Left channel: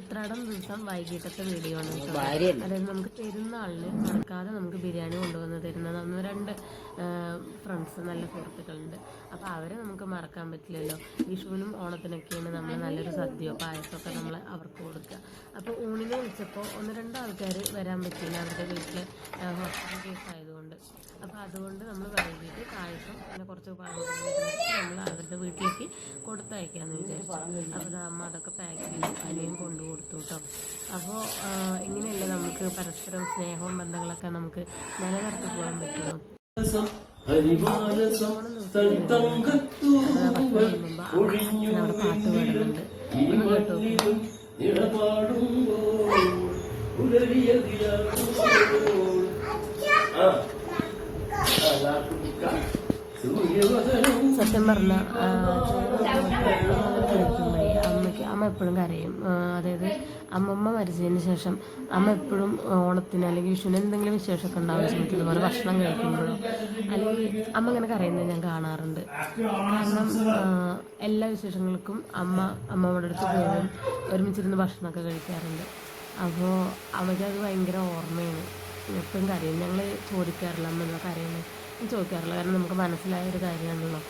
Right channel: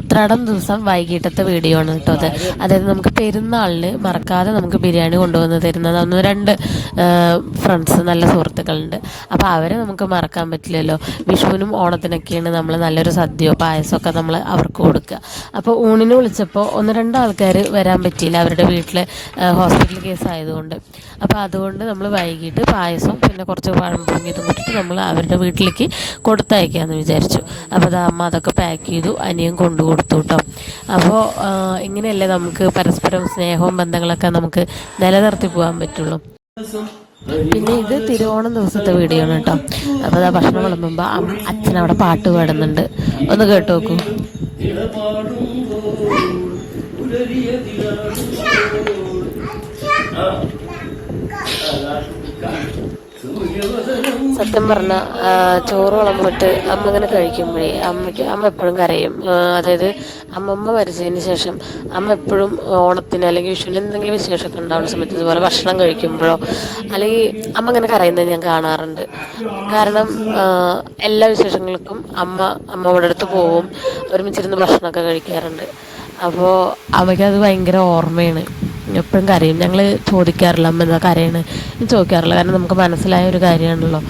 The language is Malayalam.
ഉത്രാടം ദിവസം വൈകിട്ടത്തെ വീഡിയോ ആണ് കേട്ടോ അത്. അതായത് നമുക്ക് പെരുന്നാളിന് മറക്കാതെ നമുക്ക് ബിരിയാണി കൊണ്ടുവന്ന് തരുന്നത് ഒന്ന് രണ്ട് ഫ്രണ്ട്സ്, നല്ല സുഹൃത്തുക്കളുണ്ട്. അപ്പോൾ അവരെ നമുക്ക് മറക്കാൻ പറ്റില്ലല്ലോ. വിഷുവിനും ഓണത്തിനൊക്കെയാണ് നമ്മൾ നല്ലൊരു സദ്യയോ പായസമൊക്കെ നമ്മൾ അവർക്ക് കൊടുക്കുക. അപ്പോൾ ഊണിന് വിളിച്ചപ്പോൾ ഒന്ന് രണ്ട് ആൾക്കാർ വരാൻ പറ്റിയില്ല, അവരുടെ വീട്ടിൽ ഹോസ്പിറ്റൽ കേസ് ആയതുകൊണ്ട്. അപ്പോൾ അതുകൊണ്ട് നമ്മൾ വൈകിട്ട് പായസം പിന്നെ കുറച്ച് പഴം പൊങ്ങിയതും കൂട്ടിയിട്ട് നമ്മൾ അവരുടെ വീട്ടിലേക്ക് കൊടുത്തയക്കാമെന്ന് വിചാരിച്ചു. അപ്പോൾ അത് അമ്മ അതൊക്കെ പാക്ക് ചെയ്തു, അനിയൻ കൊണ്ടു കൊടുത്തു കേട്ടോ. അപ്പോൾ ഇങ്ങനെയല്ലേ നമുക്ക് പരസ്പരം സ്നേഹവും ബന്ധങ്ങളൊക്കെ നമുക്ക് നിലനിർത്തി പോകാൻ പറ്റുള്ളൂ. പിന്നെ ഇത് തിരുവോണം ദിവസത്തെ വീഡിയോ ആണ് കേട്ടോ. അപ്പോൾ ആ ഭക്ഷണം വിളമ്പുമ്പോൾ അച്ഛൻ അവിടെ പാട്ട് പാടുന്നുണ്ട്, ഒന്ന് കേട്ട് നോക്കൂ. സത്യം പറഞ്ഞാൽ ചോറ് വിളമ്പിട്ട് അമ്മ ഇങ്ങനെ കഴിക്കുമ്പോഴേ അമ്മ എപ്പോഴും കരയും. അതായത് അമ്മമ്മ മരിച്ചതിന് ശേഷം അമ്മ എപ്പോഴും ഓണത്തിന് അല്ലെങ്കിൽ വിഷുവിന് എന്തെങ്കിലും വിശേഷമൊക്കെ ഉണ്ടാവുന്ന സമയത്ത് ഇതുപോലെ ഭക്ഷണം കഴിക്കുമ്പോഴോ അല്ലെങ്കിൽ അമ്മ ഇങ്ങനെ കരയുന്നത് ഞാൻ കാണാറുണ്ട്. കാരണം എല്ലാ വിശേഷങ്ങൾക്കും അമ്മയുടെ അടുത്ത് പോവും, ഒരുമിച്ചിരുന്ന് ഭക്ഷണമൊക്കെ കഴിക്കാറുണ്ട്. അപ്പോൾ അമ്മയ്ക്കത് ഭയങ്കര ഓർമ്മയാണ്, എപ്പോഴും കരയും. ഞങ്ങൾ ചോദിക്കാറില്ല അമ്മ എന്താ കരയണ്, ചോദിക്കാറില്ല, കാരണം നമുക്ക് മനസ്സിലായ ഒരു കാര്യമാണല്ലോ.